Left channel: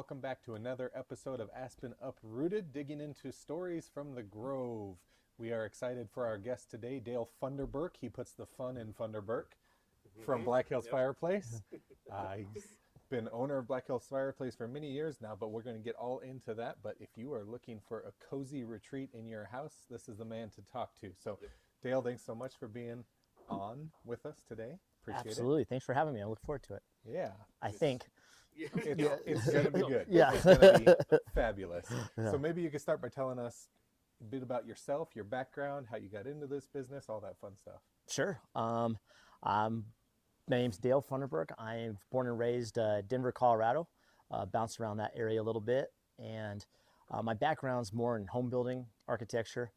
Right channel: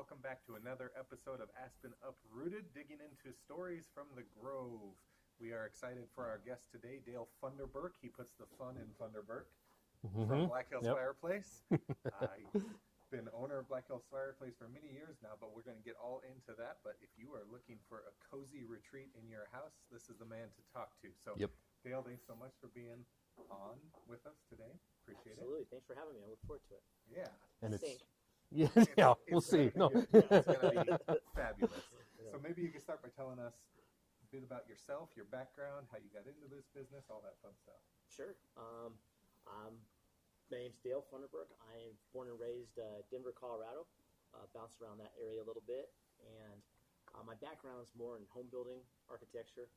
welcome back to another episode of Aspen Uprooted, digging into stories from the Grove. We are excited for our guest today, Dale Funderburke. He puts the fun in Funderburke from Black Hills Fireplace. He's been owner of Black Hills Fireplace for many years now, but we're going to get all into that. But if you are looking for a cozy retreat in your house, this is the man to talk to. So, Dale, thanks so much for being on with us today. Appreciate it. Absolutely. Thanks for having me. I look forward to it. Yeah. I think. It's going to be good. Yeah. It's going to be fabulous. So maybe you could start by telling us a bit about yourself, your background, how you got into this business, all that fun stuff. Sure. My name's Dale Funderburke. I'm born and raised Denver, Colorado. Bounced around that area a little bit. And my background's more in home building, architecture.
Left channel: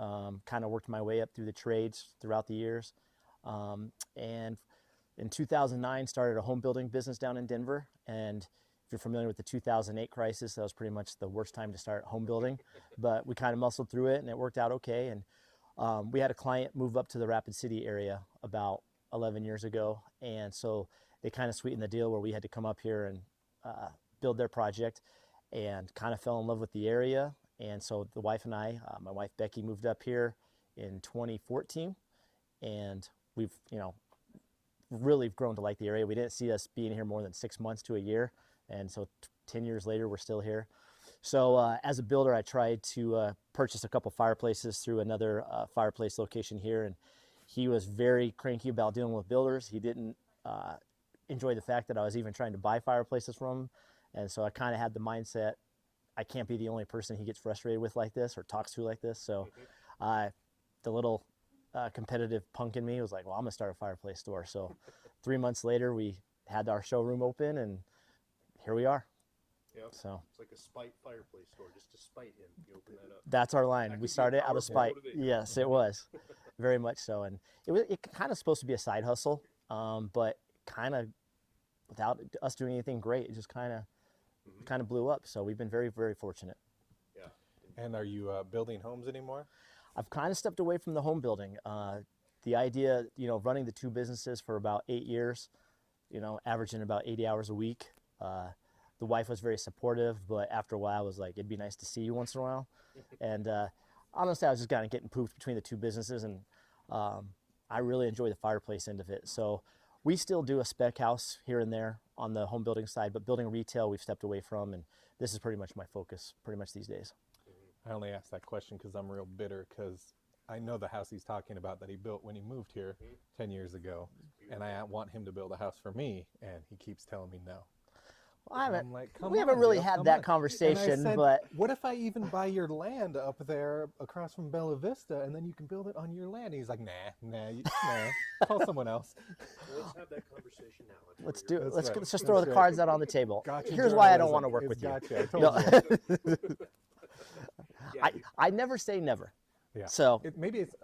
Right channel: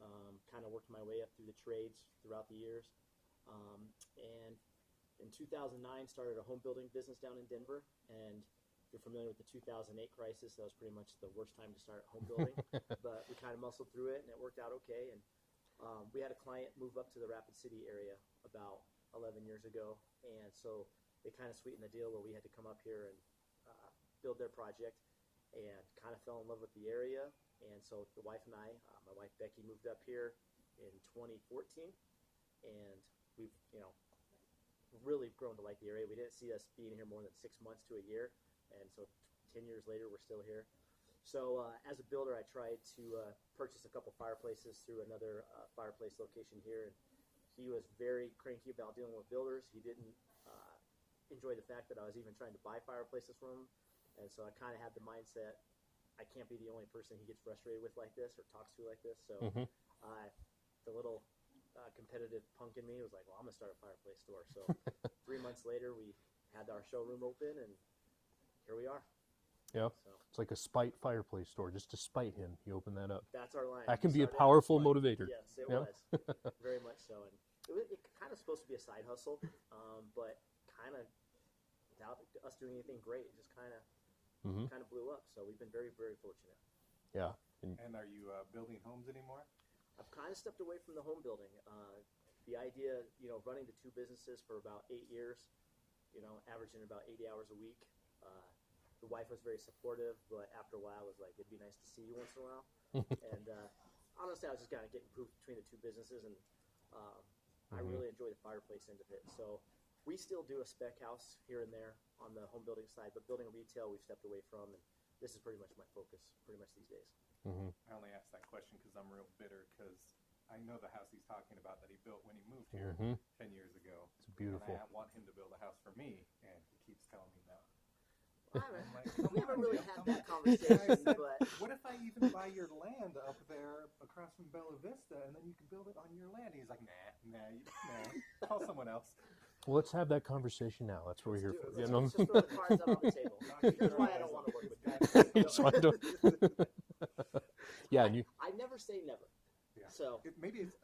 Kind of worked my way up through the trades throughout the years. And in 2009, started a home building business down in Denver. And if you're familiar with the 2008 crisis, that was pretty much the worst time to start home building. But we kind of muscled through it, and it worked out okay. And we had a client move up to the Rapid City area about 11 years ago. And so they kind of sweetened the deal where we had to come up here and build their project, and kind of fell in love with the area. And so the wife and I, my wife Becky, moved up here in 2014. And we've, really grown to like the area. We didn't see us being here more than 6 months to a year. And so 10 years later, we're still here. So as a builder, I tried to purchase a couple fireplaces through another fireplace location here. And he was very cranky about dealing with builders. He didn't enjoy the fact that I was even trying to buy fireplaces from him. And so I kind of had the mindset, I can't be the only person he gets frustrated with like this or talks to like this. So the little competitive punk in me was like, well, I'm gonna start a fireplace store. So 3 months later, we had our showroom open, and here we are. Yep. So it's like a spite fireplace store, just to spite him. You open that up. That's our line. That can be a powerful motivator. Yes, it was very much so. And it kind of supposed to be a side hustle, but kind of without us doing anything great, it just kind of blew up. So we've been very, very fortunate. Yeah. And are you building homes anymore? I've kind of stepped away from the home building. The idea, running the two businesses for about 8 years, averaging about 80 hours a week. The wife was very supportive, but after a while I was like, it'd be nice to see you once in a while. And honestly, I was just kind of getting poofed between the two businesses, and I really enjoy the fireplace end of it. So we still do a spec house here and there on the home building side, but building retail we've stepped away from, and this is pretty much my focus pretty much these days. I only asked that question because I'm real bitter, because I know the house he's talking about that he built when he moved here 10 years ago. It's beautiful. And I want him to build a house for me, and he keeps telling me no. Well, we haven't really had that conversation, said, but what if I even buy your land up there across from Bella Vista, and then you can build it on your land? And he's like, nah, call someone else. Well, let's have that conversation now. That's what let's we're do here it. for. Let's just throw the cards out on the table. Gotcha. Here's why I don't want to work with you. Yeah, I never say never. Yeah. So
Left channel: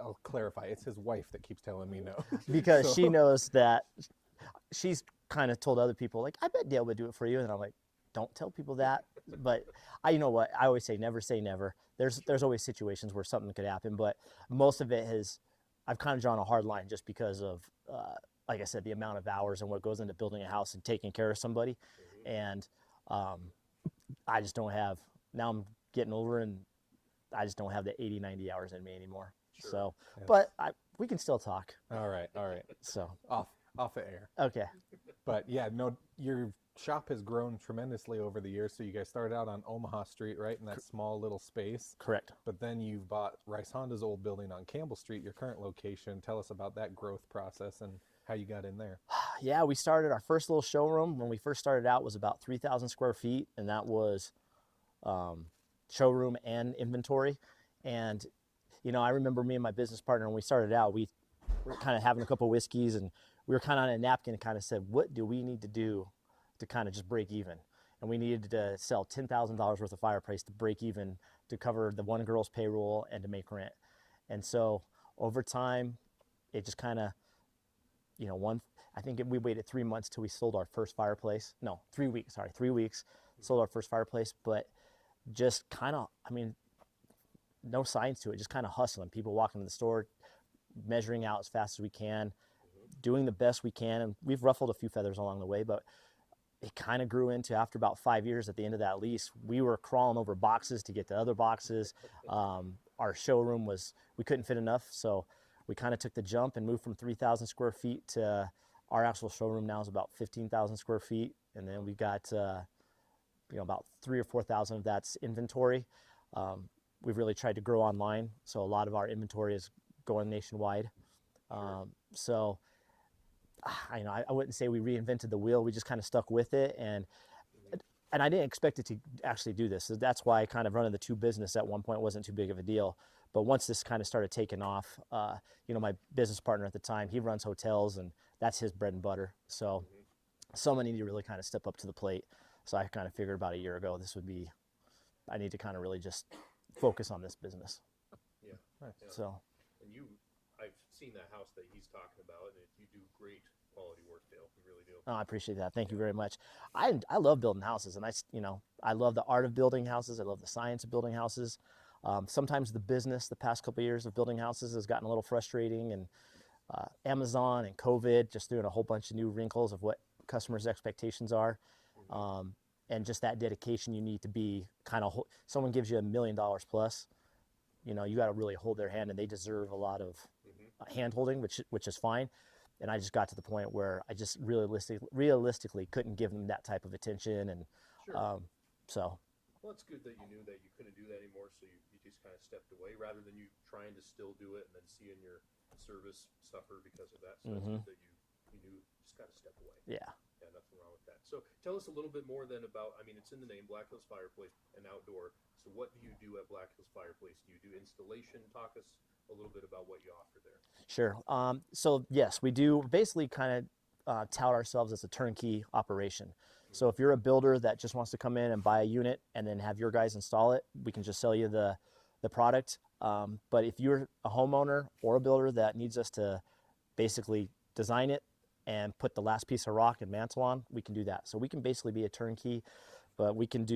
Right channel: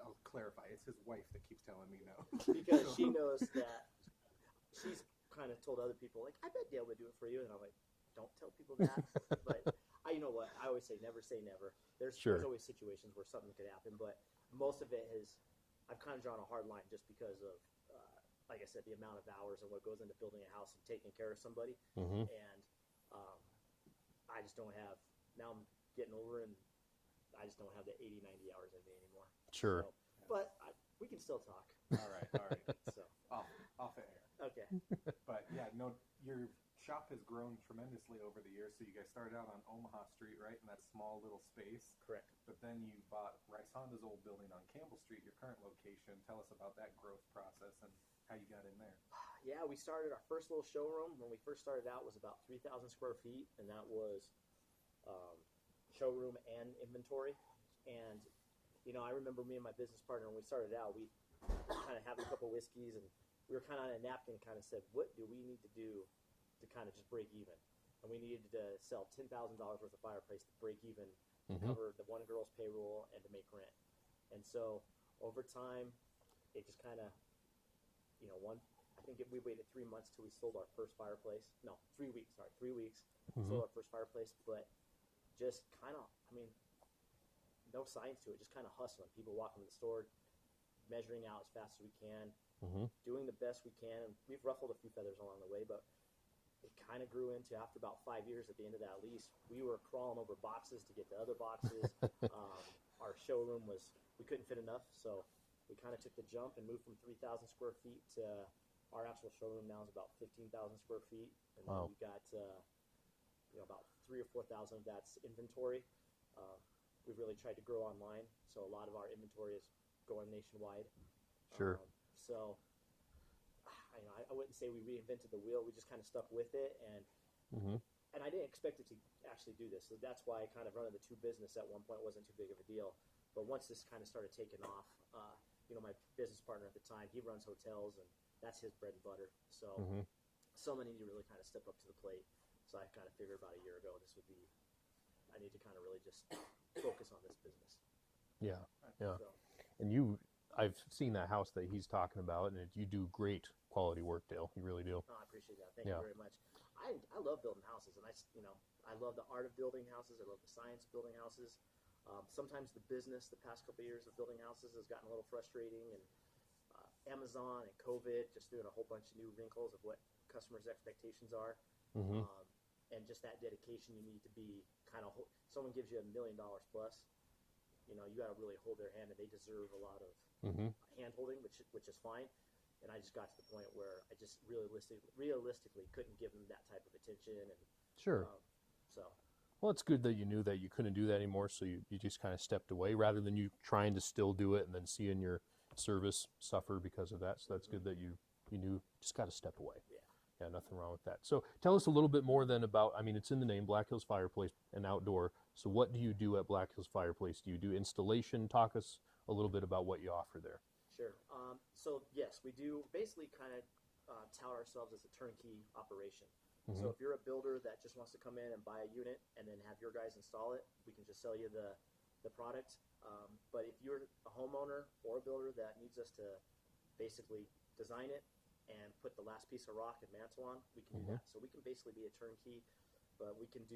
I'll clarify. It's his wife that keeps telling me no. Because she knows that she's kind of told other people, like, I bet Dale would do it for you. And I'm like, don't tell people that. But you know what? I always say never. There's always situations where something could happen. But most of it I've kind of drawn a hard line just because of, like I said, the amount of hours and what goes into building a house and taking care of somebody. And I just don't have, now I'm getting older, and I just don't have the 80, 90 hours in me anymore. Sure. So, but we can still talk. All right. So off the air. Okay. But yeah, no, your shop has grown tremendously over the years. So you guys started out on Omaha Street, right, in that small little space. Correct. But then you've bought Rice Honda's old building on Campbell Street, your current location. Tell us about that growth process and how you got in there. Yeah, we started our first little showroom. When we first started out, was about 3,000 square feet, and that was showroom and inventory. And I remember me and my business partner, when we started out, we were kind of having a couple whiskeys, and we were kind of on a napkin and kind of said, what do we need to do to kind of just break even? And we needed to sell $10,000 worth of fireplace to break even, to cover the one girl's payroll and to make rent. And so over time, it just kind of, I think we waited 3 months till we sold our first fireplace. No, 3 weeks, sorry, 3 weeks, sold our first fireplace. But just kind of, no science to it, just kind of hustling. People walking in the store, measuring out as fast as we can, doing the best we can. And we've ruffled a few feathers along the way, but it kind of grew into, after about 5 years at the end of that lease, we were crawling over boxes to get to other boxes. Our showroom we couldn't fit enough. So we kind of took the jump and moved from 3,000 square feet to our actual showroom now is about 15,000 square feet. And then we got, about 3,000 or 4,000 of that's inventory. We've really tried to grow online. So a lot of our inventory is going nationwide. Sure. So I wouldn't say we reinvented the wheel. We just kind of stuck with it. And I didn't expect it to actually do this. So that's why kind of running the two business at one point wasn't too big of a deal. But once this kind of started taking off, my business partner at the time, he runs hotels and that's his bread and butter. So someone needed to really kind of step up to the plate. So I kind of figured about a year ago, I need to kind of really just focus on this business. Yeah. So, and I've seen that house that he's talking about, and you do great quality work, Dale. You really do. I appreciate that. Thank you very much. I love building houses, and I love the art of building houses. I love the science of building houses. Sometimes the business, the past couple of years of building houses has gotten a little frustrating, and Amazon and COVID just throwing a whole bunch of new wrinkles of what customers' expectations are. And just that dedication you need to be someone gives you $1 million plus, you got to really hold their hand, and they deserve a lot of hand holding, which is fine. And I just got to the point where I just realistically couldn't give them that type of attention. And well, it's good that you knew that you couldn't do that anymore, so you just kind of stepped away rather than you trying to still do it and then seeing your service suffer because of that. So that's good that you knew just got to step away. Yeah, nothing wrong with that. So tell us a little bit more then about, it's in the name, Black Hills Fireplace and outdoor. So what do you do at Black Hills Fireplace? Do you do installation? Talk us a little bit about what you offer there. Sure. So yes, we do basically kind of tout ourselves as a turnkey operation. So if you're a builder that just wants to come in and buy a unit and then have your guys install it, we can just sell you the product. But if you're a homeowner or a builder that needs us to basically design it and put the last piece of rock and mantle on, we can do that. So we can basically be a turnkey, but we can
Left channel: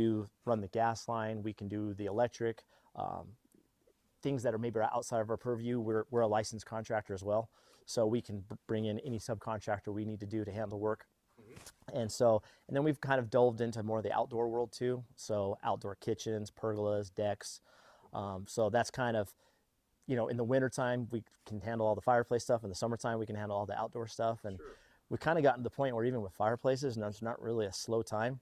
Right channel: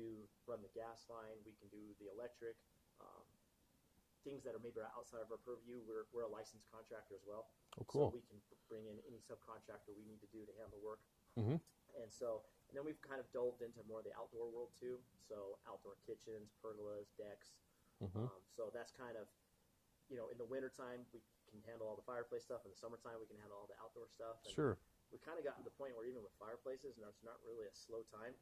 run the gas line, we can do the electric, things that are maybe outside of our purview. We're a licensed contractor as well. Oh, cool. So we can bring in any subcontractor we need to do to handle work. And then we've kind of delved into more of the outdoor world too. So outdoor kitchens, pergolas, decks. So that's kind of, in the wintertime, we can handle all the fireplace stuff. In the summertime, we can handle all the outdoor stuff. And we've kind of gotten to the point where even with fireplaces, and there's not really a slow time.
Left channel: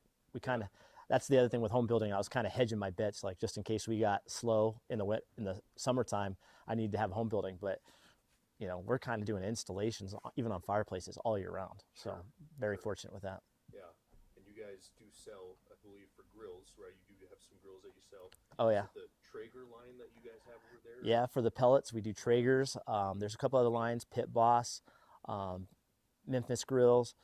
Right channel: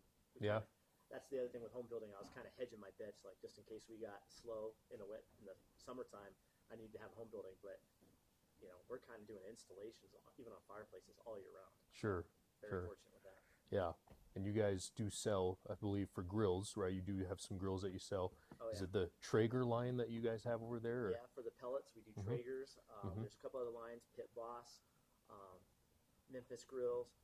That's the other thing with home building. I was kind of hedging my bets, like just in case we got slow in the summertime, I need to have home building. But we're kind of doing installations even on fireplaces all year round. So very fortunate with that. Yeah. And you guys do sell, I believe, for grills, right? You do have some grills that you sell. Oh, yeah. Is it the Traeger line that you guys have over there? Or? Yeah, for the pellets, we do Traegers. There's a couple other lines, Pit Boss, Memphis Grills,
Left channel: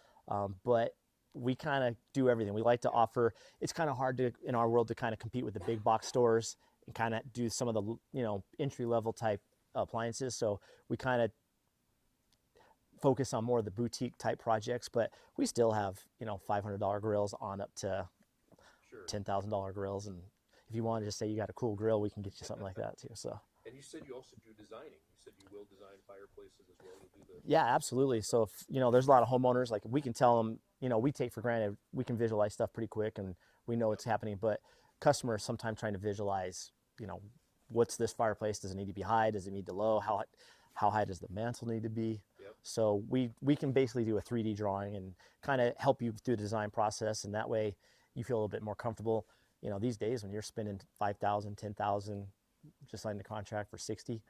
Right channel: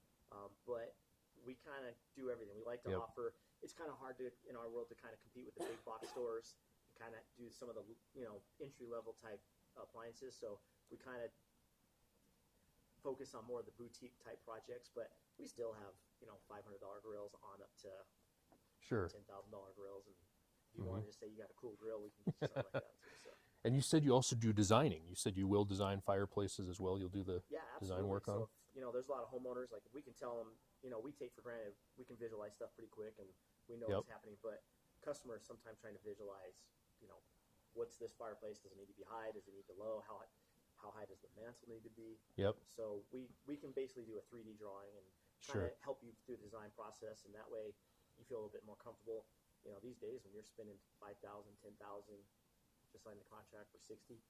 but we kind of do everything. We like to offer, it's kind of hard in our world to kind of compete with the big box stores and kind of do some of the, entry-level type appliances. So we kind of focus on more of the boutique type projects, but we still have, $500 grills on up to $10,000 grills. And if you want to just say you got a cool grill, we can get you something like that too. So. And you said you also do designing. You said you will design fireplaces as well. You'll do the absolutely. So if there's a lot of homeowners, like we can tell them, we take for granted we can visualize stuff pretty quick and we know what's happening, but customers sometimes trying to visualize, what's this fireplace? Does it need to be high? Does it need to low? How high does the mantle need to be? So we can basically do a 3D drawing and kind of help you through the design process, and that way you feel a little bit more comfortable. These days when you're spending $5,000, $10,000, just signing a contract for $60,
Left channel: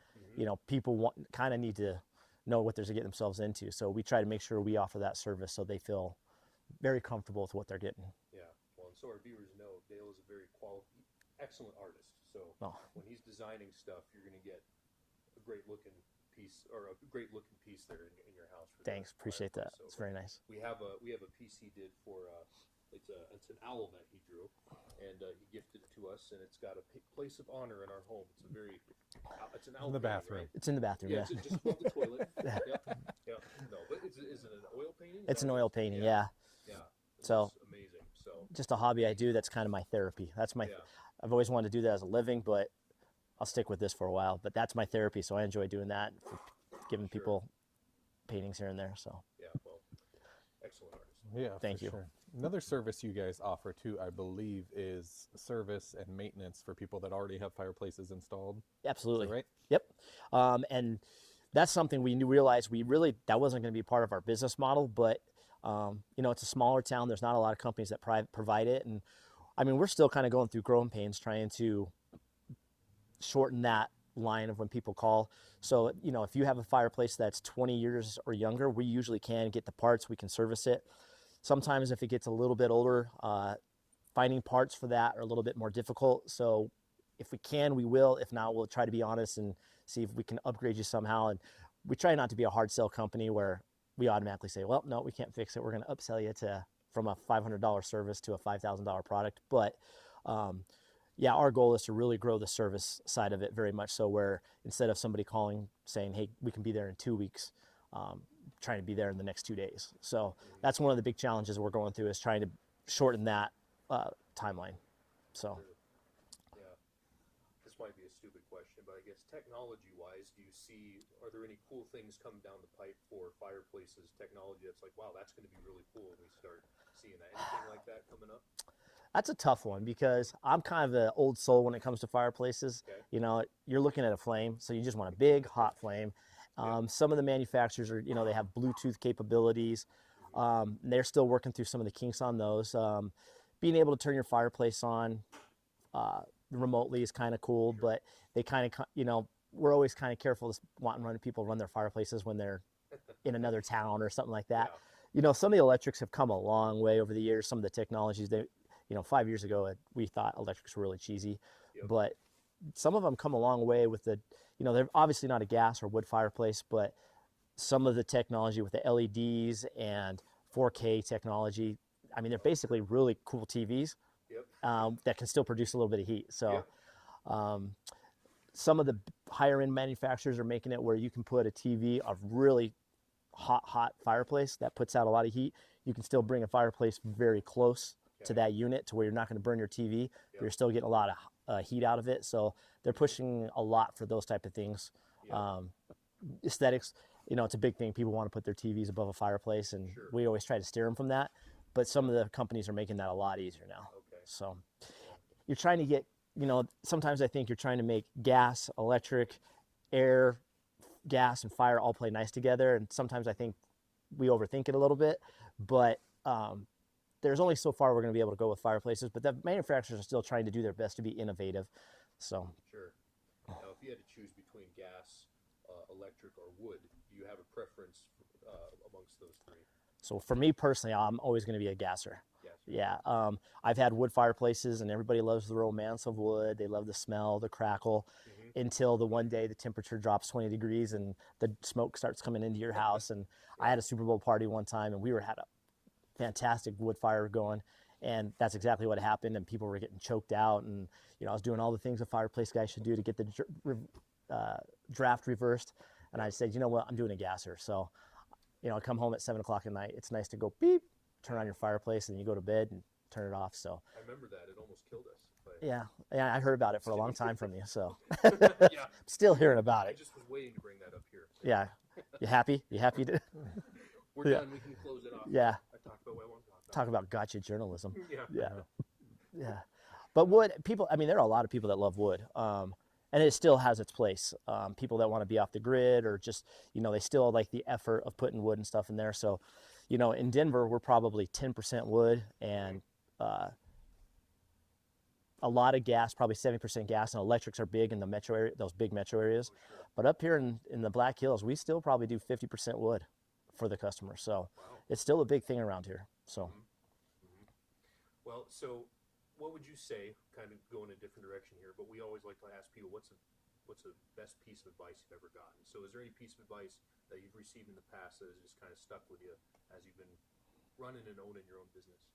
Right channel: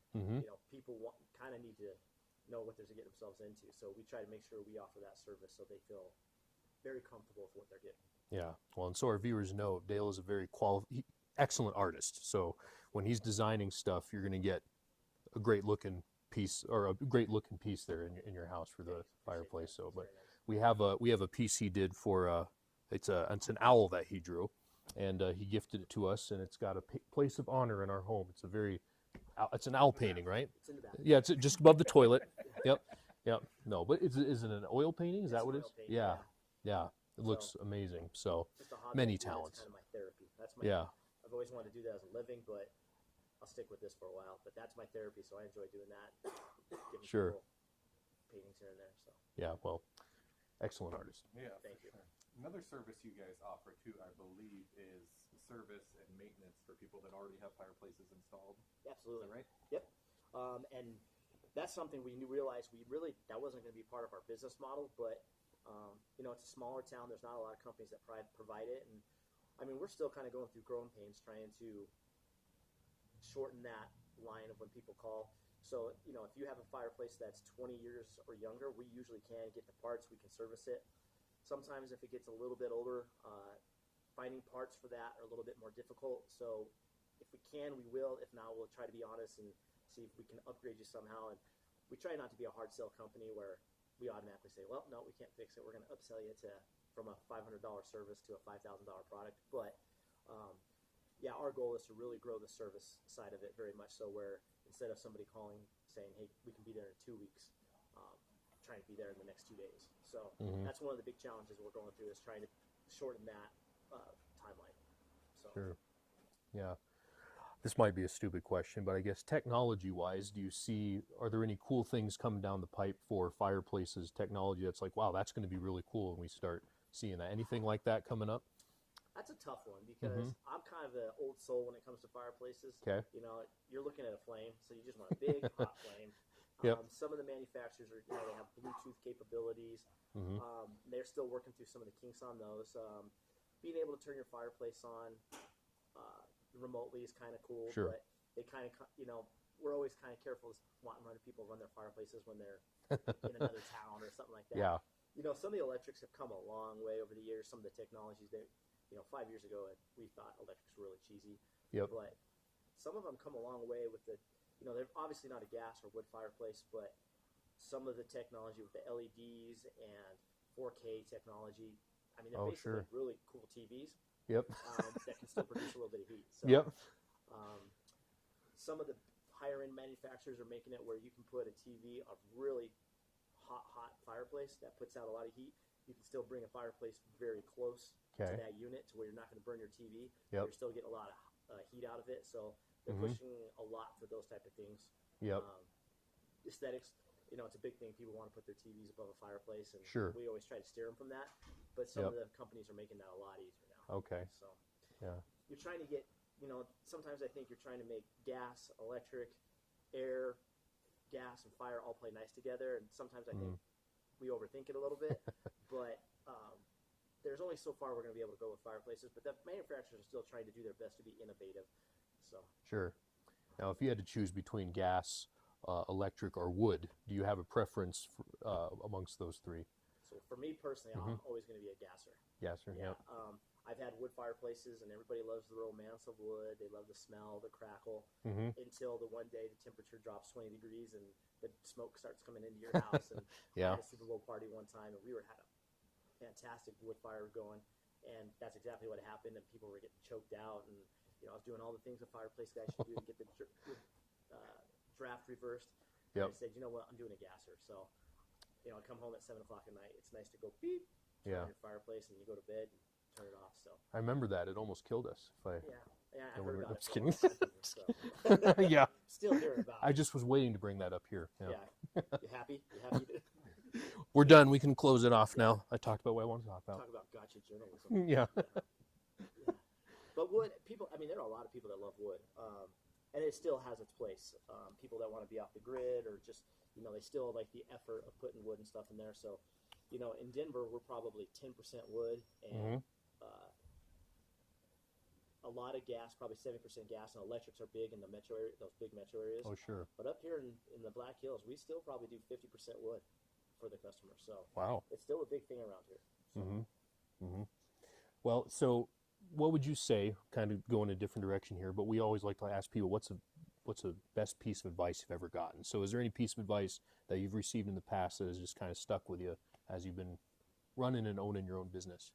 people kind of need to know what they're getting themselves into. So we try to make sure we offer that service so they feel very comfortable with what they're getting. Yeah. Well, and so our viewers know Dale is a very excellent artist. So when he's designing stuff, you're going to get a great looking piece there in your house for Thanks, appreciate fireplace. that. So, it's very nice. We have a piece he did for it's an owl that he drew, and he gifted it to us, and it's got a place of honor in our home. It's an owl painting, right? It's in the bathroom. Yeah, it's just above the toilet. Yep. No, but is it an oil painting? It's an oil painting. Yeah. It looks amazing. So just a hobby I do. That's kind of my therapy. I've always wanted to do that as a living, but I'll stick with this for a while. But that's my therapy, so I enjoy doing that, giving people paintings here and there. So yeah, well, excellent artist. Yeah, Thank for you. Sure. Another service you guys offer too, I believe, is service and maintenance for people that already have fireplaces installed. Absolutely. Is that right? Yep. And that's something we realized that wasn't going to be part of our business model, but you know, it's a smaller town. There's not a lot of companies that provide it. And I mean, we're still kind of going through growing pains trying to shorten that line of when people call. So, you know, if you have a fireplace that's 20 years or younger, we usually can get the parts, we can service it. Sometimes if it gets a little bit older, finding parts for that are a little bit more difficult. So if we can, we will. If not, we'll try to be honest and see if we can upgrade you somehow. And we try not to be a hard sell company where we automatically say, well, no, we can't fix it. We're going to upsell you from a $500 service to a $5,000 product. But yeah, our goal is to really grow the service side of it very much so, where instead of somebody calling saying, hey, we can be there in 2 weeks, trying to be there in the next 2 days. So that's one of the big challenges we're going through, is trying to shorten that timeline. So Sure. Yeah. This might be a stupid question, but I guess technology-wise, are there any cool things coming down the pipe for fireplaces technology that's like, wow, that's going to be really cool when we start seeing that? Anything like that coming up? that's a tough one, because I'm kind of an old soul when it comes to fireplaces. Okay. You know, you're looking at a flame, so you just want a big hot flame. Some of the manufacturers are, you know, they have Bluetooth capabilities. They're still working through some of the kinks on those. Being able to turn your fireplace on remotely is kind of cool, Sure. but they kind of, you know, we're always kind of careful wanting people run their fireplaces when they're in another town or something like that. Yeah. You know, some of the electrics have come a long way over the years. Some of the technologies, you know, 5 years ago, we thought electrics were really cheesy, but some of them come a long way with you know, they're obviously not a gas or wood fireplace, but some of the technology with the LEDs and 4K technology, I mean, they're basically really cool TVs that can still produce a little bit of heat. So some of the higher end manufacturers are making it where you can put a TV, a really hot fireplace that puts out a lot of heat. You can still bring a fireplace very close to that unit to where you're not going to burn your TV, but you're still getting a lot of heat out of it. So they're pushing a lot for those type of things. Aesthetics, you know, it's a big thing. People want to put their TVs above a fireplace, and we always try to steer them from that. But some of the companies are making that a lot easier now. Okay. So you're trying to get, you know, sometimes I think you're trying to make gas, electric, air, gas, and fire all play nice together. And sometimes I think we overthink it a little bit. But there's only so far we're going to be able to go with fireplaces. But the manufacturers are still trying to do their best to be innovative. So Sure. Now, if you had to choose between gas, electric, or wood, do you have a preference amongst those three? So for me personally, I'm always going to be a gasser. Gasser. Yeah. I've had wood fireplaces, and everybody loves the romance of wood. They love the smell, the crackle, until the one day the temperature drops 20 degrees and the smoke starts coming into your house. And I had a Super Bowl party one time, and we had a fantastic wood fire going, and that's exactly what happened. And people were getting choked out, and you know, I was doing all the things a fireplace guy should do to get the draft reversed. And I said, you know what, I'm doing a gasser. So, you know, I come home at 7 o'clock at night. It's nice to go beep, turn on your fireplace, and you go to bed and turn it off. So I remember that. It almost killed us. yeah, I heard about it for a long time from you. So Yeah. still hearing about I it. just was waiting to bring that up here. Yeah. You happy? You happy to We're done. We can close it off Yeah. now. I talked about what I wanted to talk about. talk about gotcha journalism? Yeah. Yeah. But wood, people, I mean, there are a lot of people that love wood. And it still has its place. People that want to be off the grid, or just, you know, they still like the effort of putting wood and stuff in there. So, you know, in Denver, we're probably 10% wood and a lot of gas, probably 70% gas, and electrics are big in the metro area, those big metro areas. Oh, sure. But up here in the Black Hills, we still probably do 50% wood for the customer. So Wow. it's still a big thing around here. So Well, so what would you say, kind of going a different direction here, but we always like to ask people, what's the best piece of advice you've ever gotten? So is there any piece of advice that you've received in the past that has just kind of stuck with you as you've been running and owning your own business?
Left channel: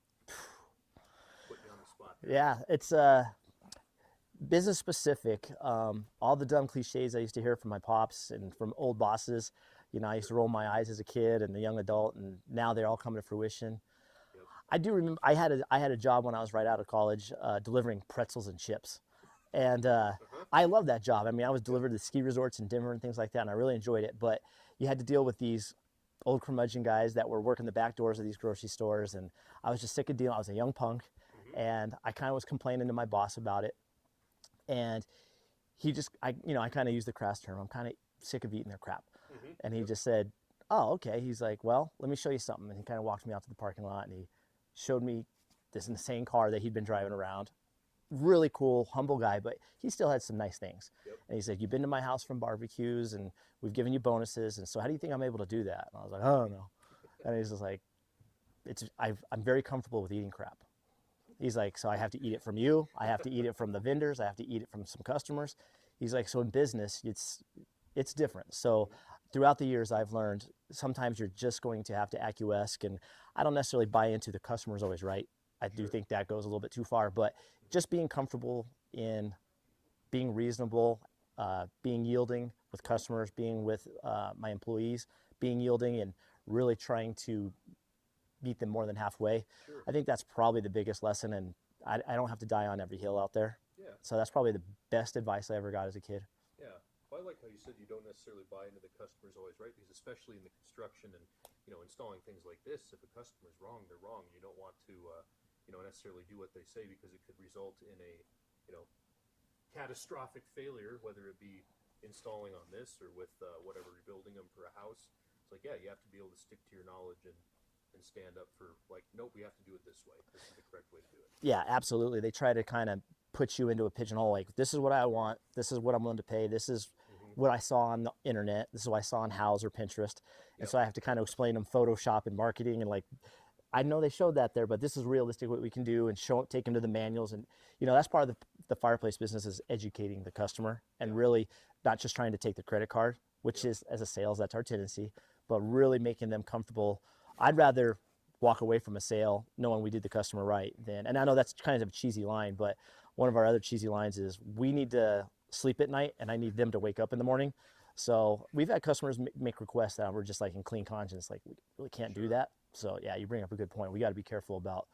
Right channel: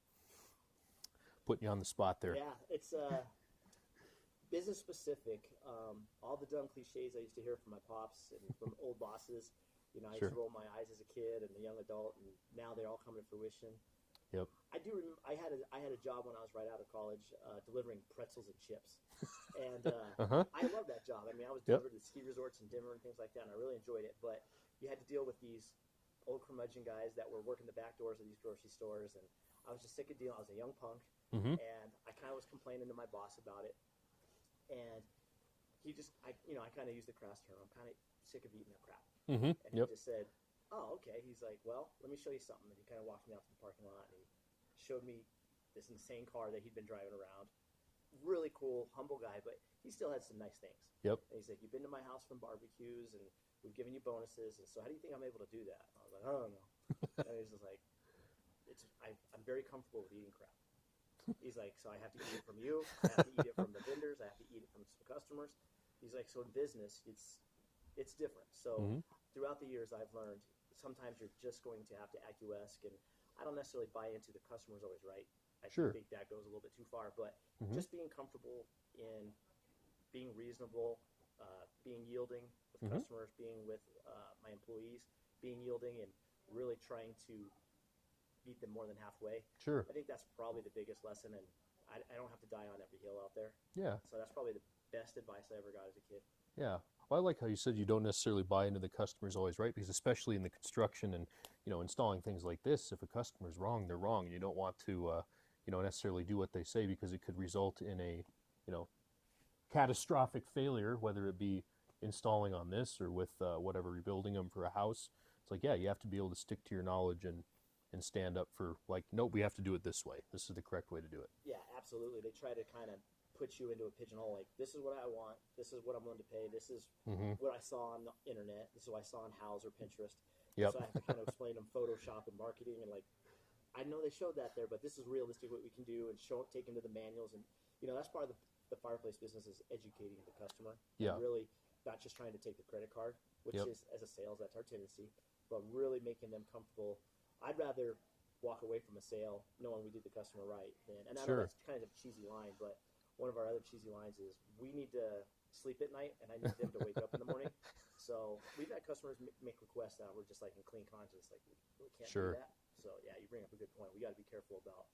Putting you on the spot there. yeah, it's business specific. All the dumb cliches I used to hear from my pops and from old bosses, you know, I used to roll my eyes as a kid and a young adult, and now they're all coming to fruition. Yep. I do remember I had a job when I was right out of college, delivering pretzels and chips, and I love that job. I mean, I was delivered to ski resorts in Denver and things like that, and I really enjoyed it. But you had to deal with these old curmudgeon guys that were working the back doors of these grocery stores, and I was just sick of dealing. I was a young punk, and I kind of was complaining to my boss about it, and he just, I kind of used the crass term, I'm kind of sick of eating their crap, and he just said, oh, okay. He's like, well, let me show you something, and he kind of walked me out to the parking lot, and he showed me this insane car that he'd been driving around. Really cool, humble guy, but he still had some nice things. And he said, you've been to my house from barbecues, and we've given you bonuses, and so how do you think I'm able to do that? And I was like, I don't know. And he's just like, I'm very comfortable with eating crap. He's like, so I have to eat it from you, I have to eat it from the vendors, I have to eat it from some customers. He's like, so in business, it's different. So throughout the years, I've learned sometimes you're just going to have to acquiesce, and I don't necessarily buy into the customer's always right. I do think that goes a little bit too far, but just being comfortable in being reasonable, being yielding with customers, being with my employees, being yielding, and really trying to meet them more than halfway. I think that's probably the biggest lesson, and I don't have to die on every hill out there. So that's probably the best advice I ever got as a kid. Well, I like how you said you don't necessarily buy into the customer's always right, because especially in the construction and, installing things like this, if a customer's wrong, they're wrong. You don't want to, necessarily do what they say, because it could result in a, catastrophic failure, whether it be installing on this or with whatever, rebuilding them for a house. It's like, you have to be able to stick to your knowledge and stand up for, like, nope, we have to do it this way. This is the correct way to do it. Yeah, absolutely. They try to kind of put you into a pigeonhole, like, this is what I want, this is what I'm willing to pay, this is what I saw on the internet, this is what I saw on Houzz or Pinterest. And so I have to kind of explain them Photoshop and marketing, and, like, I know they showed that there, but this is realistic what we can do, and take them to the manuals. And that's part of the fireplace business, is educating the customer, and really not just trying to take the credit card, which is, as a sales, that's our tendency, but really making them comfortable. I'd rather walk away from a sale knowing we did the customer right than, and I know that's kind of a cheesy line, but one of our other cheesy lines is, we need to sleep at night and I need them to wake up in the morning. So we've had customers make requests that we're just like in clean conscience, like, we really can't do that. So yeah, you bring up a good point. We got to be careful about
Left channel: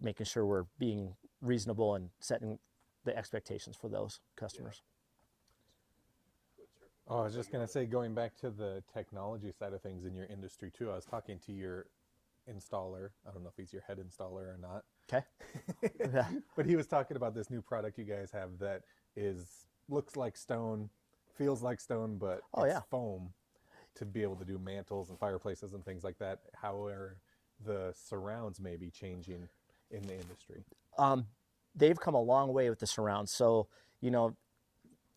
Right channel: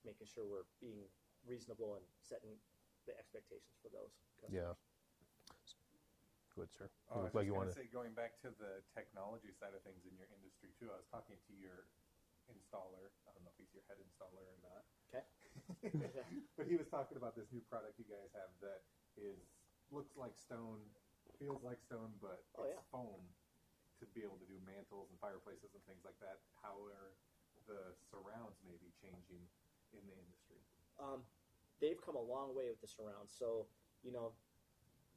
making sure we're being reasonable and setting the expectations for those customers. Good, sir. Oh, I was just going to say, going back to the technology side of things in your industry too, I was talking to your installer. I don't know if he's your head installer or not. Okay. But he was talking about this new product you guys have that looks like stone, feels like stone, but it's foam, to be able to do mantles and fireplaces and things like that. How are the surrounds maybe changing in the industry? They've come a long way with the surrounds. So,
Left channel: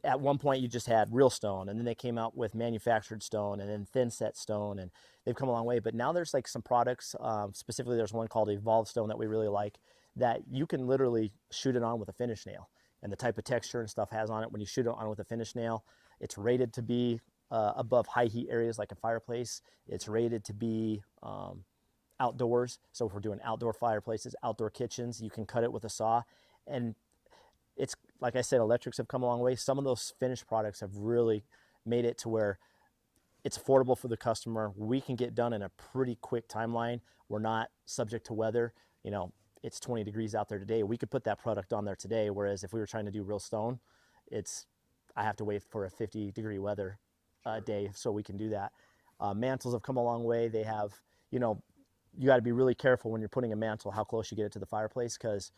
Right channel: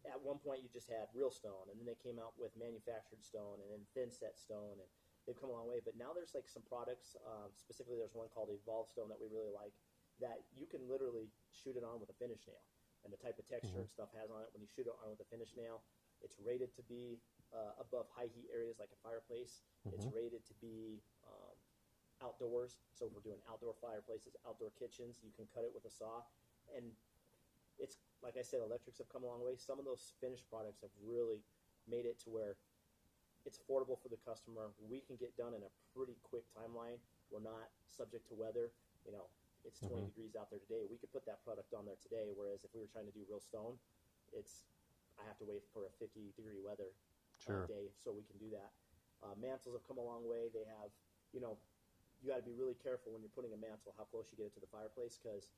at one point you just had real stone, and then they came out with manufactured stone, and then thin set stone, and they've come a long way. But now there's like some products, specifically there's one called Evolved Stone that we really like, that you can literally shoot it on with a finish nail, and the type of texture and stuff has on it when you shoot it on with a finish nail. It's rated to be above high heat areas like a fireplace. It's rated to be outdoors. So if we're doing outdoor fireplaces, outdoor kitchens, you can cut it with a saw. And it's, like I said, electrics have come a long way. Some of those finished products have really made it to where it's affordable for the customer. We can get done in a pretty quick timeline. We're not subject to weather. It's 20 degrees out there today. We could put that product on there today, whereas if we were trying to do real stone, I have to wait for a 50-degree weather day so we can do that. Mantles have come a long way. They have, you got to be really careful when you're putting a mantle how close you get it to the fireplace, because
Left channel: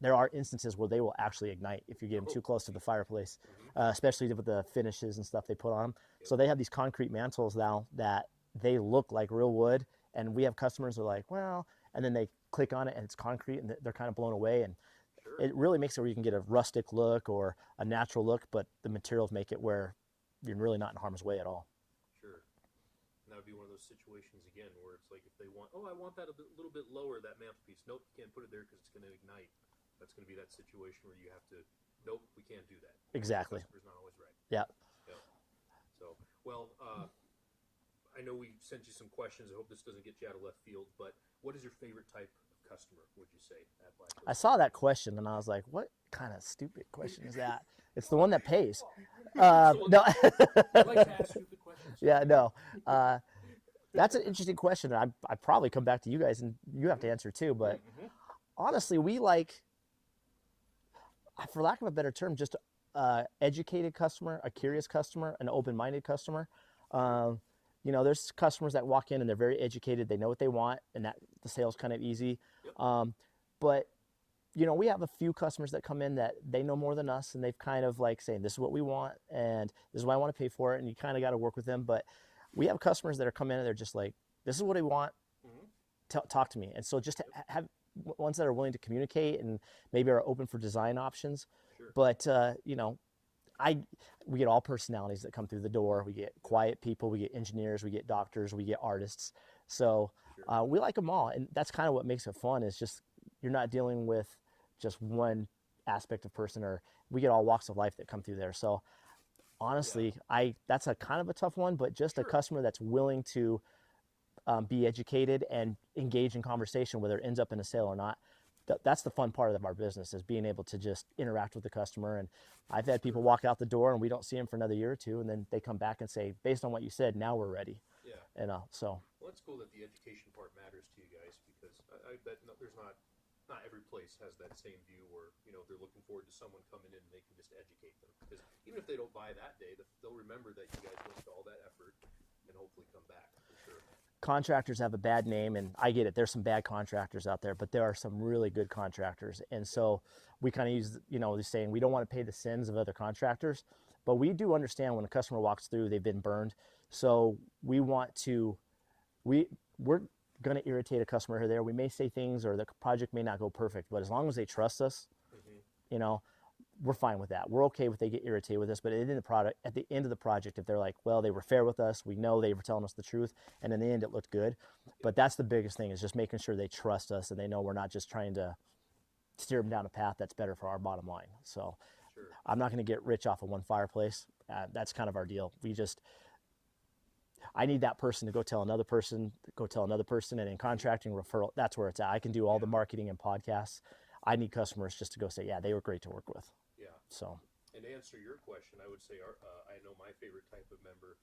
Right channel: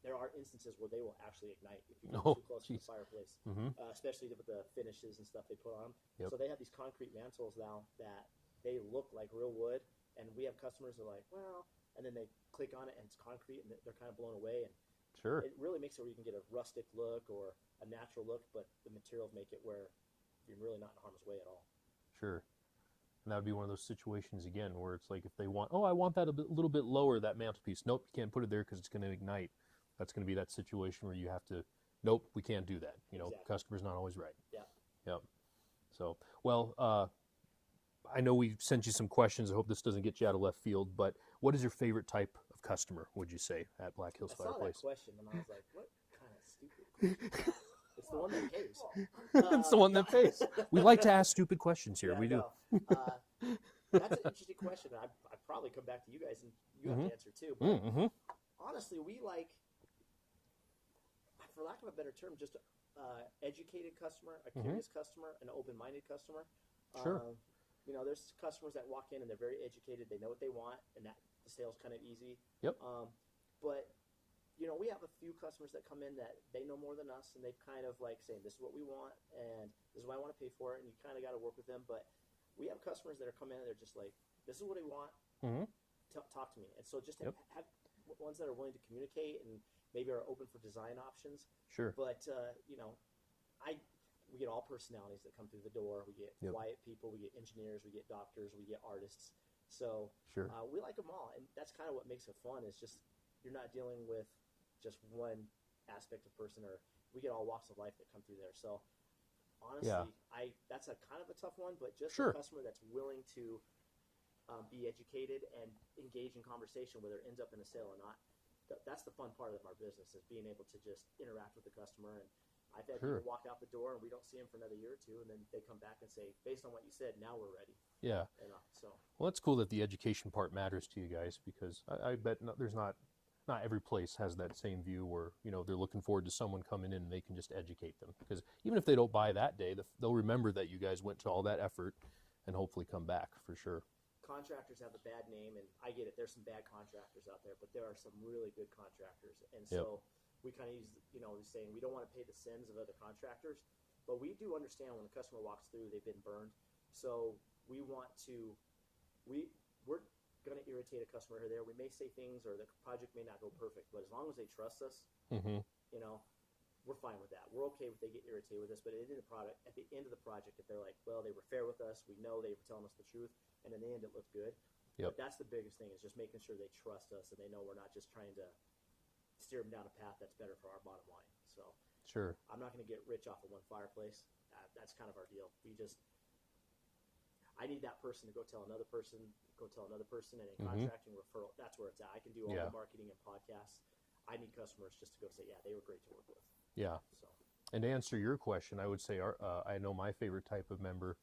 there are instances where they will actually ignite if you get them too close to the fireplace, especially with the finishes and stuff they put on them. So they have these concrete mantles now that they look like real wood, and we have customers who are like, well, and then they click on it and it's concrete, and they're kind of blown away. And it really makes it where you can get a rustic look or a natural look, but the materials make it where you're really not in harm's way at all. And that would be one of those situations again where it's like, if they want, I want that a little bit lower, that mantelpiece. Nope, you can't put it there because it's going to ignite. That's going to be that situation where you have to, nope, we can't do that. Exactly. The customer's not always right. Yeah. So, well, I know we sent you some questions. I hope this doesn't get you out of left field, but what is your favorite type of customer, would you say, at Black Hills Fireplace? I saw that question and I was like, what kind of stupid question is that? It's the one that pays. It's the one that pays. We like to ask stupid questions here. That's an interesting question. I'd probably come back to you guys and you have to answer too. But honestly, we like, for lack of a better term, just educated customer, a curious customer, an open-minded customer. there's customers that walk in and they're very educated. They know what they want, and that the sale's kind of easy. Yep. But we have a few customers that come in that they know more than us, and they've kind of like saying, this is what we want, and this is what I want to pay for it, and you kind of got to work with them. But we have customers that are coming in and they're just like, this is what I want. Talk to me. And so just have ones that are willing to communicate and maybe are open for design options. Sure. But we get all personalities that come through the door. We get quiet people, we get engineers, we get doctors, we get artists. So we like them all, and that's kind of what makes it fun. Is just you're not dealing with just one aspect of person, or we get all walks of life that come through there. So honestly, that's a kind of a tough one, but just a customer that's willing to be educated and engage in conversation, whether it ends up in a sale or not. That's the fun part of our business, is being able to just interact with the customer. And I've had people walk out the door and we don't see them for another year or two, and then they come back and say, based on what you said, now we're ready. Yeah. And so. Well, it's cool that the education part matters to you guys, because I bet there's not every place has that same view where, they're looking forward to someone coming in and they can just educate them. Because even if they don't buy that day, they'll remember that you guys went to all that effort and hopefully come back for sure. Contractors have a bad name, and I get it. There's some bad contractors out there, but there are some really good contractors. And so we kind of use, the saying, we don't want to pay the sins of other contractors, but we do understand when a customer walks through, they've been burned. So we want to, we're going to irritate a customer here or there. We may say things, or the project may not go perfect, but as long as they trust us, we're fine with that. We're okay with they get irritated with us, but at the end of the project, if they're like, well, they were fair with us, we know they were telling us the truth, and in the end it looked good. But that's the biggest thing, is just making sure they trust us and they know we're not just trying to steer them down a path that's better for our bottom line. So I'm not going to get rich off of one fireplace. That's kind of our deal. I need that person to go tell another person, and in contracting, referral, that's where it's at. I can do all the marketing and podcasts. I need customers just to go say, yeah, they were great to work with. Yeah. So, and to answer your question, I would say I know my favorite type of member,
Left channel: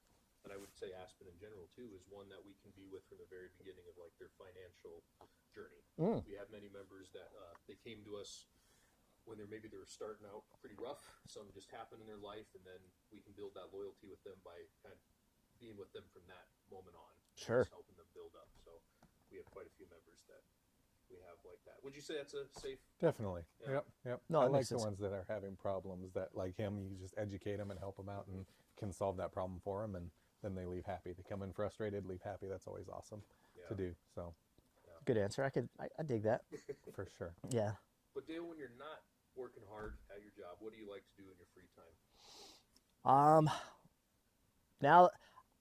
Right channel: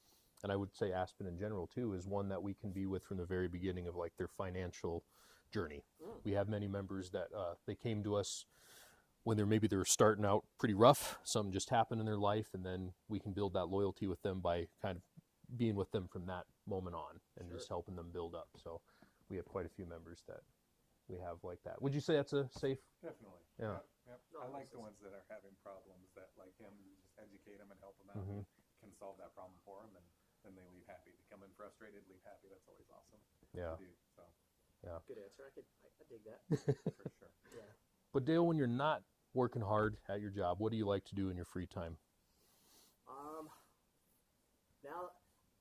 and I would say Aspen in general too, is one that we can be with from the very beginning of like their financial journey. We have many members that they came to us when they were starting out pretty rough. Something just happened in their life, and then we can build that loyalty with them by kind of being with them from that moment on, and just helping them build up. So we have quite a few members that we have like that. Would you say that's a safe? Definitely. Yeah. Yep. No, I it like makes the sense. ones that are having problems, that like him, you just educate them and help them out and can solve that problem for them, and then they leave happy. They come in frustrated, leave happy. That's always awesome to do. So good answer. I dig that. for sure. Yeah. But Dale, when you're not working hard at your job, what do you like to do in your free time? Now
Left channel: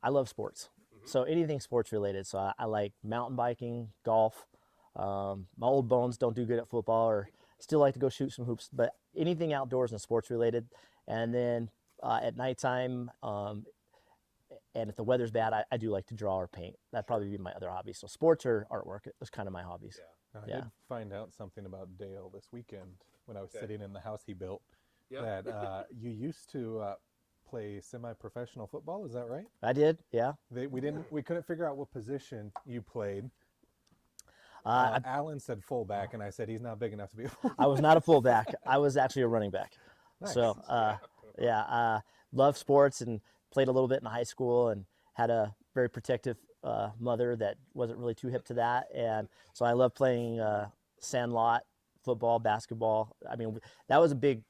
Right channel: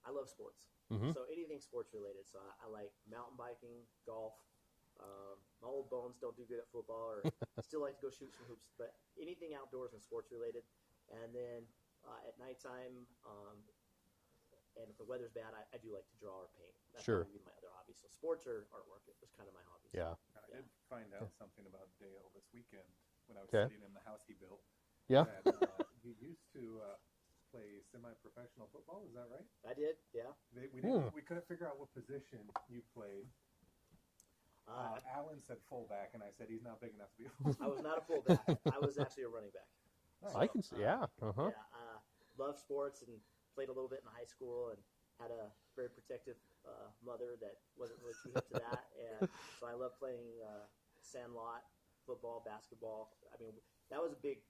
I love sports. So anything sports related. So I like mountain biking, golf. My old bones don't do good at football, or still like to go shoot some hoops, but anything outdoors and sports related. And then at nighttime, and if the weather's bad, I do like to draw or paint. That'd probably be my other hobby. So sports or artwork is kind of my hobbies. I did find out something about Dale this weekend when I was sitting in the house he built. That you used to play semi-professional football. Is that right? I did. Yeah. We couldn't figure out what position you played. Alan said fullback, and I said he's not big enough to be a fullback. I was not a fullback. I was actually a running back. Nice. So love sports, and played a little bit in high school, and had a very protective mother that wasn't really too hip to that. And so I love playing sandlot, football, basketball. I mean, that was a big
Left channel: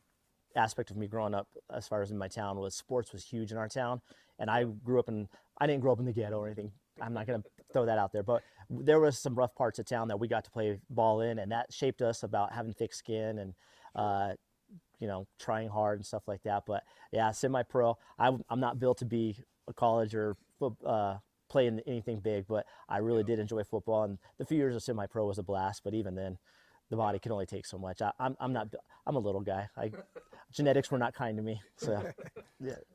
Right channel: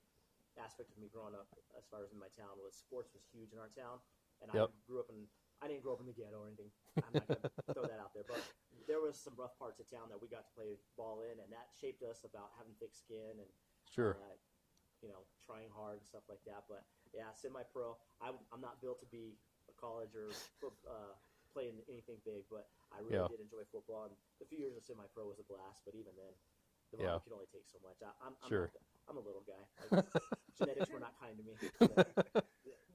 aspect of me growing up as far as in my town. Was sports was huge in our town. And I didn't grow up in the ghetto or anything. I'm not going to throw that out there, but there was some rough parts of town that we got to play ball in, and that shaped us about having thick skin and, trying hard and stuff like that. But yeah, semi-pro, I'm not built to be a college or play in anything big, but I really did enjoy football, and the few years of semi-pro was a blast. But even then, the body can only take so much. I'm a little guy. Genetics were not kind to me. So,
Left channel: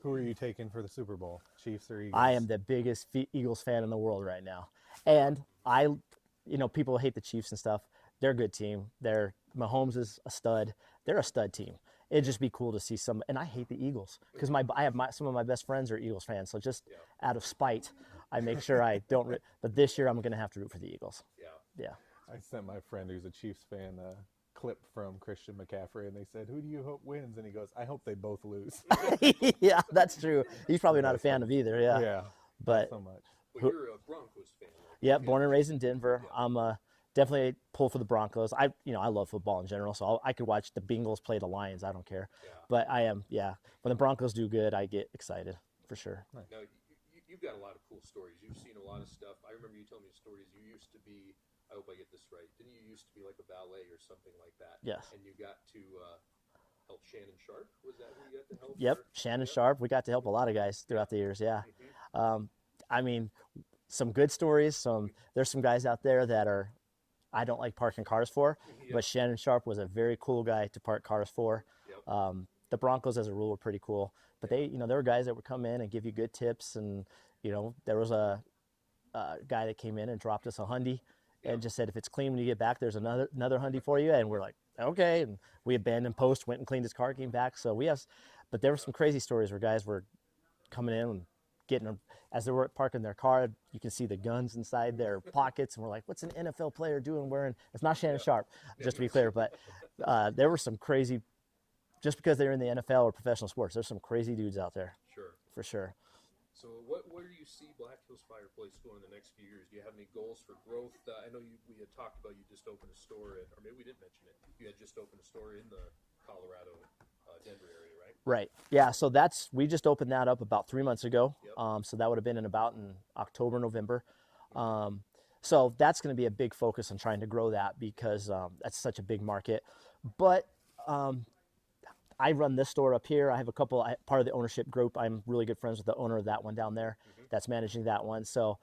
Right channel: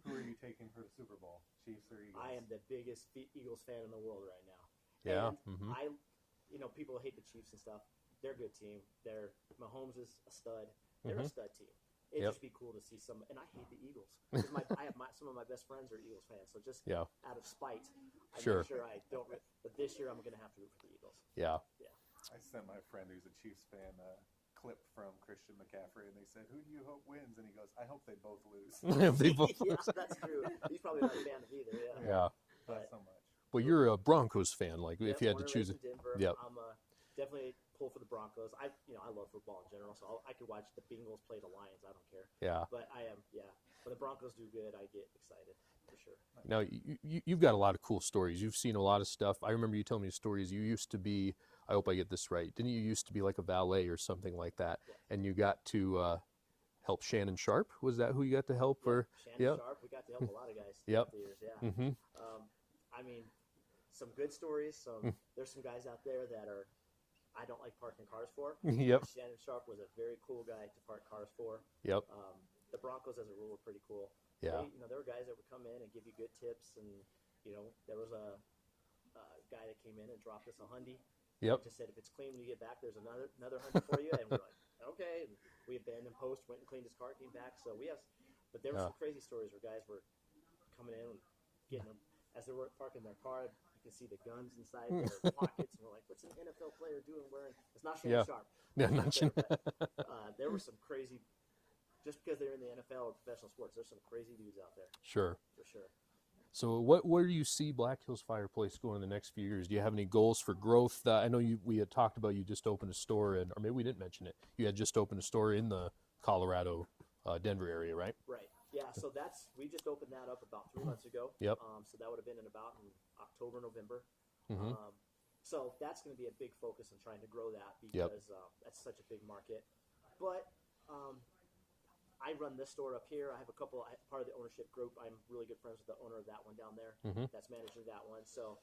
Who are you taking for the Super Bowl? Chiefs or Eagles? I am the biggest Eagles fan in the world right now. And people hate the Chiefs and stuff. They're a good team. Mahomes is a stud. They're a stud team. It'd just be cool to see some. And I hate the Eagles because some of my best friends are Eagles fans. So just out of spite, I make sure I don't. But this year I'm going to have to root for the Eagles. Yeah. I sent my friend who's a Chiefs fan a clip from Christian McCaffrey, and they said, "Who do you hope wins?" And he goes, "I hope they both lose." Yeah, that's true. He's probably not a fan of either. Yeah. Yeah. But so much. But you're a Broncos fan, like Yeah, if you had born to and choose raised it. in Denver. Yep. I'm definitely pull for the Broncos. I love football in general, so I could watch the Bengals play the Lions. I don't care. Yeah. But when the Broncos do good, I get excited for sure. Now you've got a lot of cool stories. You've seen a lot of stuff. I remember you telling me stories. You used to be. I hope I get this right. Didn't you used to be like a valet or something like that? Yes. And you got to help Shannon Sharp. Was that who you got to help? Yep. Or? Shannon Yep. Sharp. We got to help a lot of guys throughout the years. Yeah. Mm-hmm. I mean, some good stories. There's some guys out there that I don't like parking cars for. Yep. But Shannon Sharp was a very cool guy to park cars for. Yep. The Broncos, as a rule, were pretty cool. But there were guys that would come in and give you good tips. And there was a guy that came in and dropped us a Hyundai. Yep. And just said, if it's clean when you get back, there's another Hyundai for you. And we're like, okay. And we abandoned post, went and cleaned his car, came back. So but there were some crazy stories where guys were coming in and getting them. As they were parking their car, you can see the guns inside their pockets. And we're like, what's an NFL player doing wearing? It's not Shannon Sharp, just to be clear. But there were some crazy, just because they're in the NFL or professional sports, there's some crazy dudes out there. Sure. For sure. So where do you see Black Hills Fireplace going in the next few years? Do you have any goals for growth? I know we had talked about you just opened a store or maybe we didn't mention it. You had just opened a store in the Colorado, Denver area, right? Right. Yeah. So we just opened that up about 3 months ago. Yep. So that would have been in October, November. So that's going to be a big focus on trying to grow that because that's such a big market. But I run this store up here. I have part of the ownership group. I'm really good friends with the owner of that one down there that's managing that one. So,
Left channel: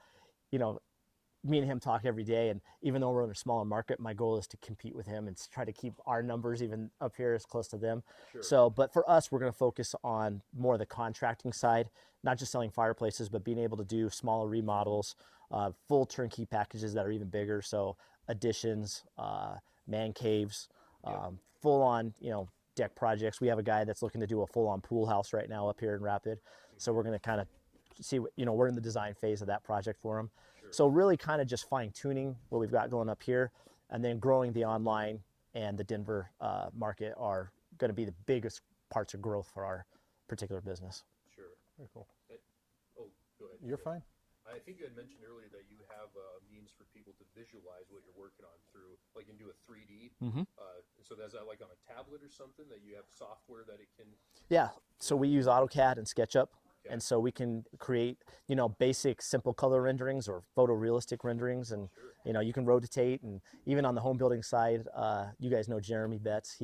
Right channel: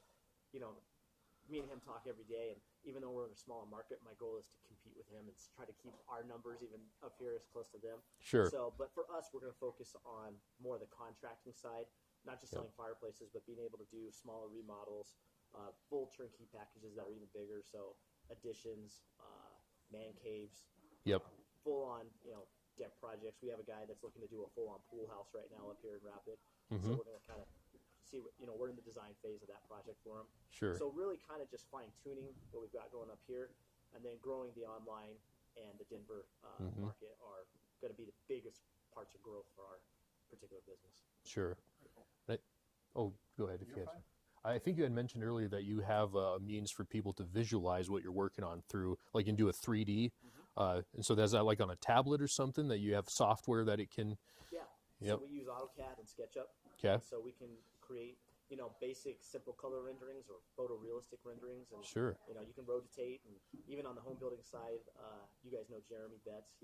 me and him talk every day. And even though we're in a smaller market, my goal is to compete with him and try to keep our numbers even up here as close to them. Sure. So, but for us, we're going to focus on more of the contracting side, not just selling fireplaces, but being able to do smaller remodels, full turnkey packages that are even bigger. So additions, man caves, full on, deck projects. We have a guy that's looking to do a full-on pool house right now up here in Rapid. So we're going to kind of see what, we're in the design phase of that project for him. Sure. So really kind of just fine-tuning what we've got going up here, and then growing the online and the Denver market are going to be the biggest parts of growth for our particular business. Sure. Very cool. Go ahead. You're fine. I think you had mentioned earlier that you have a means for people to visualize what you're working on through, like you can do a 3D. And so there's that like on a tablet or something that you have software that it can. Yeah. So we use AutoCAD and SketchUp. Okay. And so we can create, basic simple color renderings or photorealistic renderings. And, Sure. You can rotate. And even on the home building side, you guys know Jeremy Betts.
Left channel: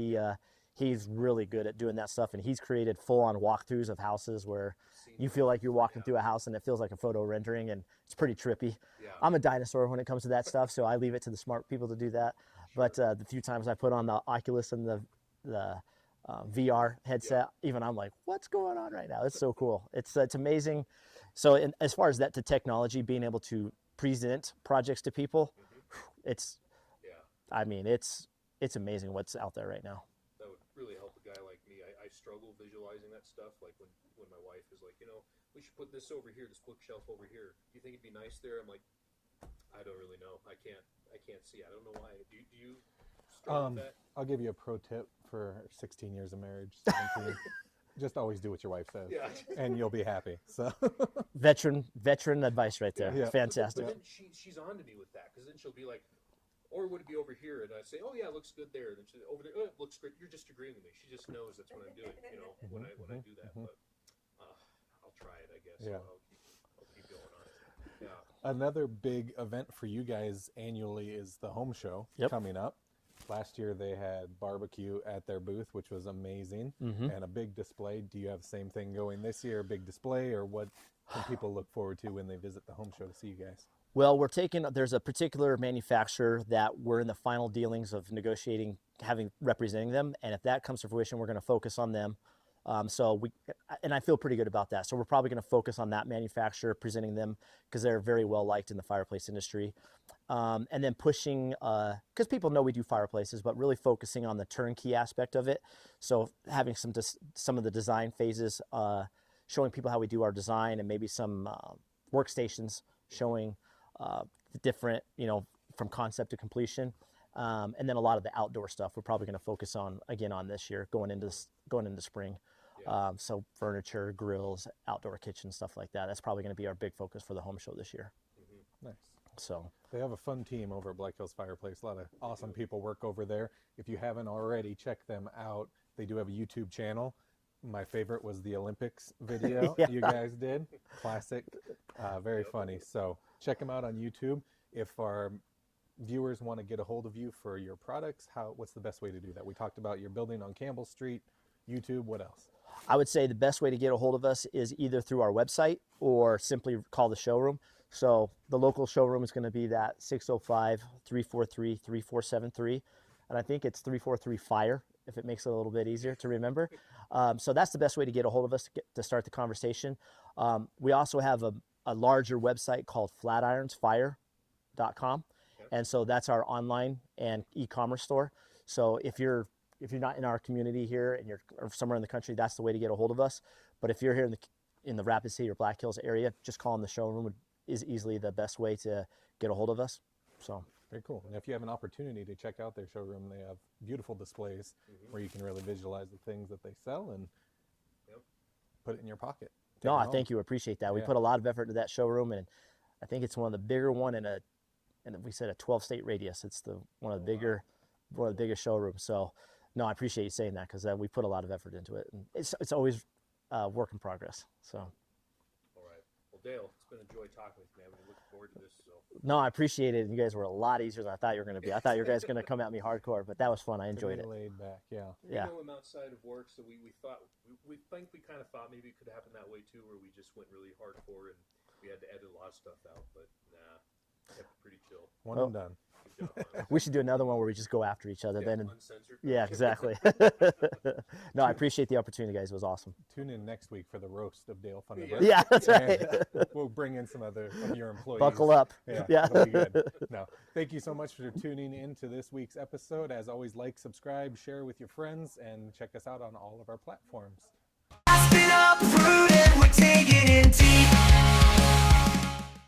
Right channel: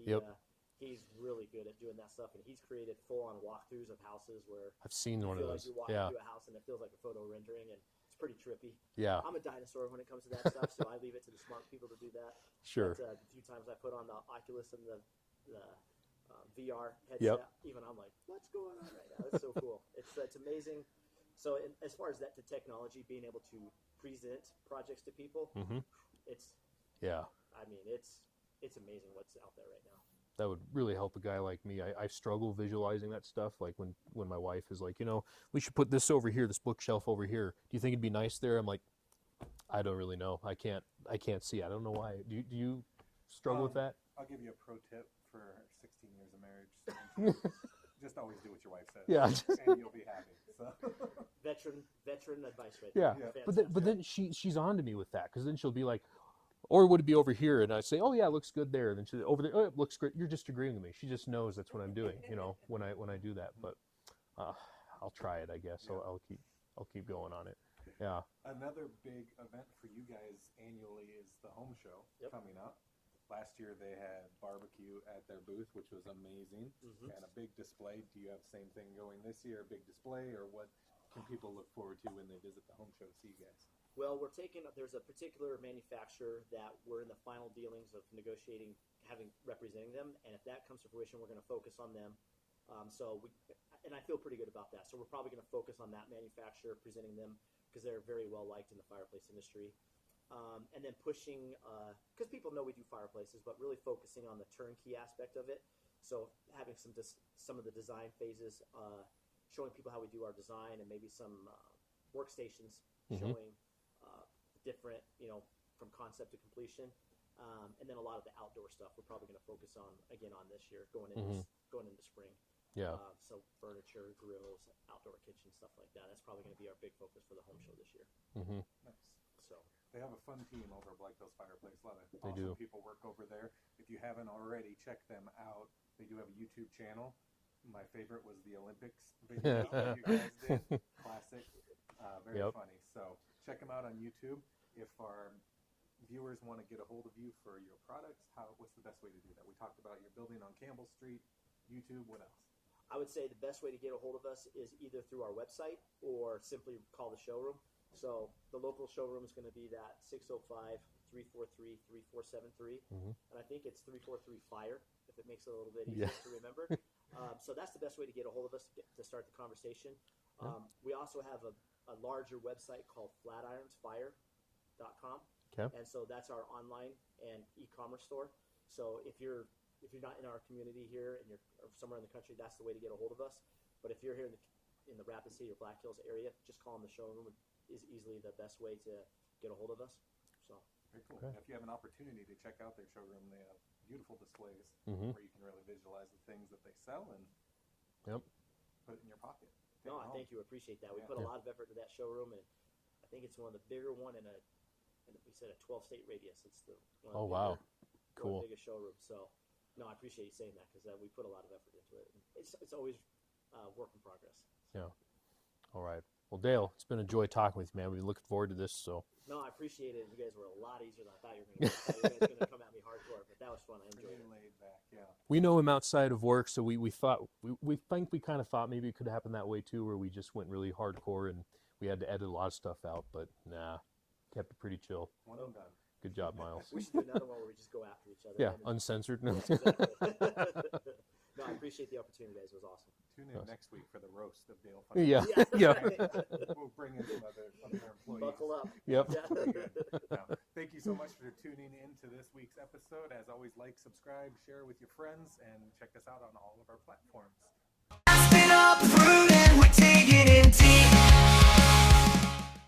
He's really good at doing that stuff. And he's created full-on walkthroughs of houses where you feel like you're walking through a house and it feels like a photo rendering. And it's pretty trippy. Yeah. I'm a dinosaur when it comes to that stuff. So I leave it to the smart people to do that. Sure. But the few times I put on the Oculus and the VR headset, even I'm like, what's going on right now? It's so cool. It's amazing. So as far as that to technology, being able to present projects to people, it's amazing what's out there right now. That would really help a guy like me. I struggle visualizing that stuff. Like when my wife is like, we should put this over here, this bookshelf over here. Do you think it'd be nice there? I'm like, I don't really know. I can't see. I don't know why. Do you struggle with that? I'll give you a pro tip for 16 years of marriage. 17. Just always do what your wife says. Yeah. And you'll be happy. So veteran advice right there. Yeah. Fantastic. But then she's on to me with that, because then she'll be like, or would it be over here? And I say, oh yeah, it looks good there. And then she over there, oh, it looks great. You're just agreeing with me. She just knows that's what I'm doing, when I do that. But I'll try it, I guess. Yeah. I'll keep going on it. Yeah. Another big event for you guys annually is the home show coming up. Last year they had barbecue at their booth, which was amazing, and a big display. Do you have the same thing going this year, a big display, or what can people look forward to when they visit the home show to see you guys? Well, there's a particular manufacturer that we're in the final dealings of negotiating, representing them. And if that comes to fruition, we're going to focus on them. And I feel pretty good about that. So we're probably going to focus on that manufacturer, presenting them because they're very well liked in the fireplace industry. And then pushing, because people know we do fireplaces, but really focusing on the turnkey aspect of it. So having some of the design phases, showing people how we do our design, and maybe some workstations showing the different, from concept to completion. And then a lot of the outdoor stuff we're probably going to focus on again on this year, going into spring. Yeah. So furniture, grills, outdoor kitchen, stuff like that. That's probably going to be our big focus for the home show this year. Nice. So They have a fun team over at Black Hills Fireplace. A lot of awesome do. people work over there. If you haven't already, check them out. They do have a YouTube channel. My favorite was the Olympics video Yeah. you guys did. Classic. Very Yep. funny. So check them out on YouTube. If our viewers want to get a hold of you for your products, what's the best way to do that? We talked about your building on Campbell Street, YouTube. What else? I would say the best way to get a hold of us is either through our website or simply call the showroom. So the local showroom is going to be that 605-343-3473. And I think it's 343-FIRE, if it makes it a little bit easier to remember. So that's the best way to get a hold of us to start the conversation. We also have a larger website called flatironsfire.com. Okay. And so that's our online and e-commerce store. So if you're not in our community here and you're or somewhere in the country, that's the way to get a hold of us. But if you're here in the Rapid City or Black Hills area, just calling the showroom is easily the best way to get a hold of us. So Very cool. And if you have an opportunity to check out their showroom, they have beautiful displays where you can really visualize the things that they sell and put it in your pocket. Take no, it I home. thank you. Appreciate that. We Yeah. put a lot of effort into that showroom, and I think it's one of the bigger one and we said a 12-state radius. It's one of the Oh, wow. bigger, one of the Cool. biggest showrooms. So no, I appreciate you saying that because we put a lot of effort into it, and it's always work in progress. So. Yeah. All right. Well, Dale, it's been a joy talking with you, man. We're looking forward to this. So No, I appreciate it. You guys were a lot easier than I thought you were going to be. I thought you guys were going to come at me hardcore, but that was fun. I enjoyed it. Pretty laid back, yeah. we Yeah. know him outside of work, so we thought we kind of thought maybe it could happen that way too, where we just went really hardcore and we had to edit a lot of stuff out. But nah, kept it pretty chill. One and done. Good job, Miles. We should do another one where we just go after each other. Yeah, then uncensored. yeah, exactly. No, I appreciate the opportunity, guys. It was awesome. Tune in next week for the roast of Dale Funderburke. Yeah. Yeah, that's Yeah. right. We'll bring in some other of your employees. Buckle up. Yeah. Yeah. it'll be good. No, thank you so much for tuning in to this week's episode. As always, like, subscribe, share with your friends, and check us out on all of our platforms. Aspen Uprooted.